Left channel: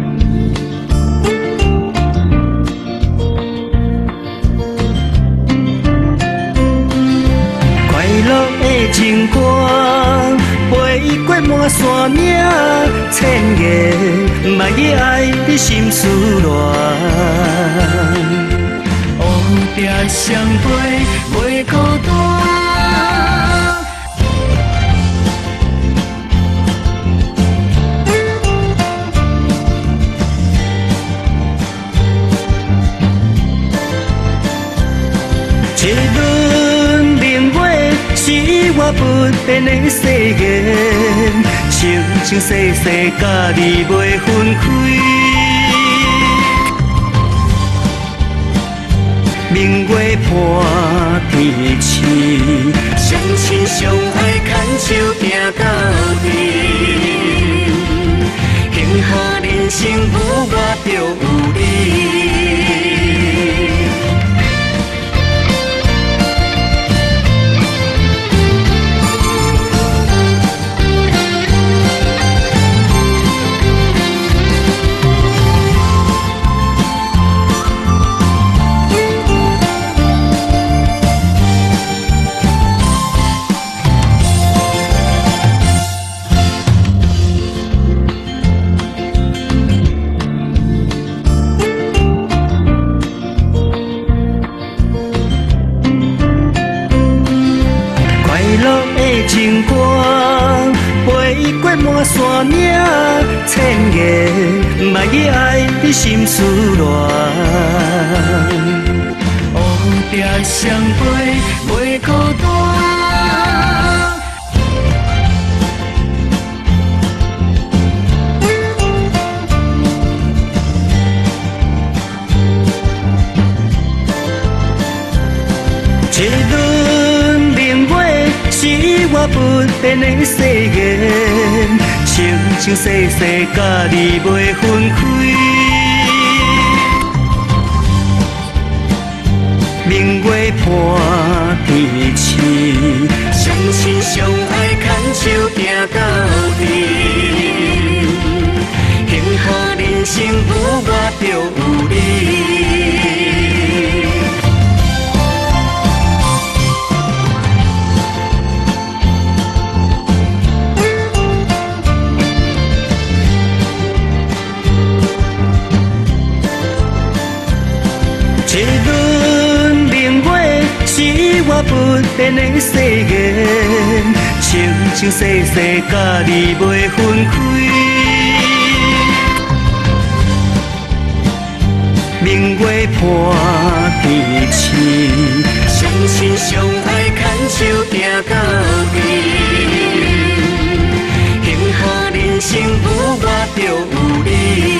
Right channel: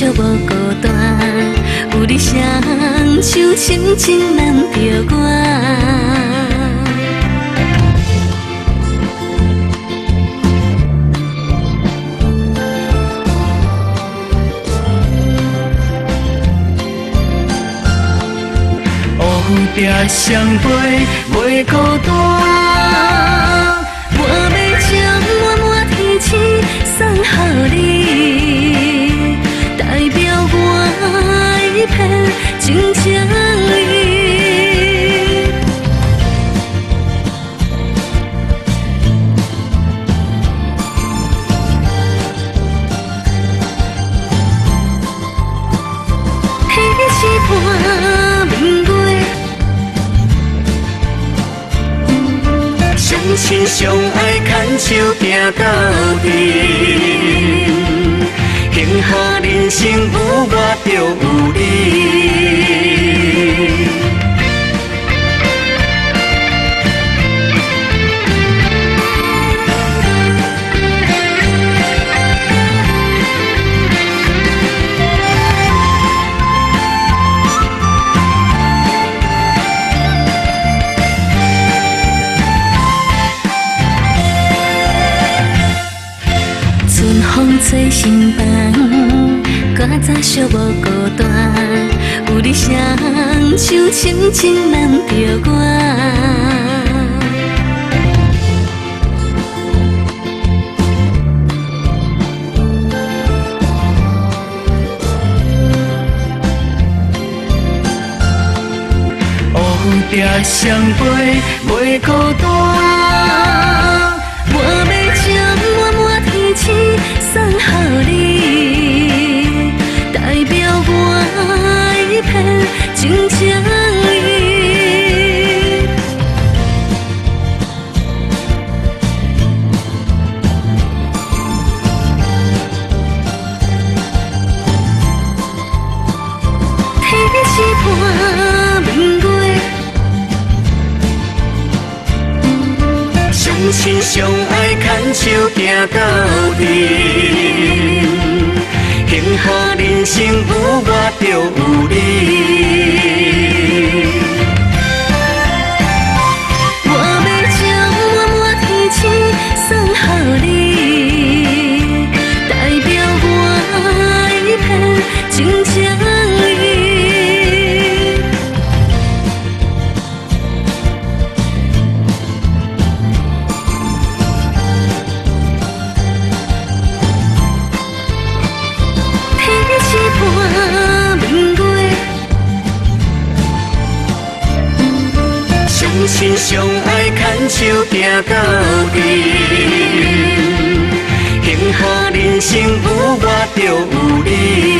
寂无孤单，有你双手深情难着我。快乐的情歌，飞过满山岭，千言万语爱你心思乱。乌蝶双飞袂孤单。 情情意，一轮明月是我不变的誓言，情情世世甲你袂分开。天是伴明月，明月伴天星，相亲相爱牵手行到底。 幸福人生有我就有你。春风吹心房。 早寂无孤单，有你双手深情难着我。快乐的情歌，飞过满山岭，千言万语爱你心思乱。乌蝶双飞袂孤单，我要将满满天星送予你。 情情意，一轮明月是我不变的誓言，情情世世甲你袂分开。天是伴明月，明月伴天星，相亲相爱牵手行到底。幸福人生有我就有你。 变的誓言，情情世世甲你袂分开。天是伴明月，明月伴天星，相亲相爱牵手行到底。幸福人生有我就有你。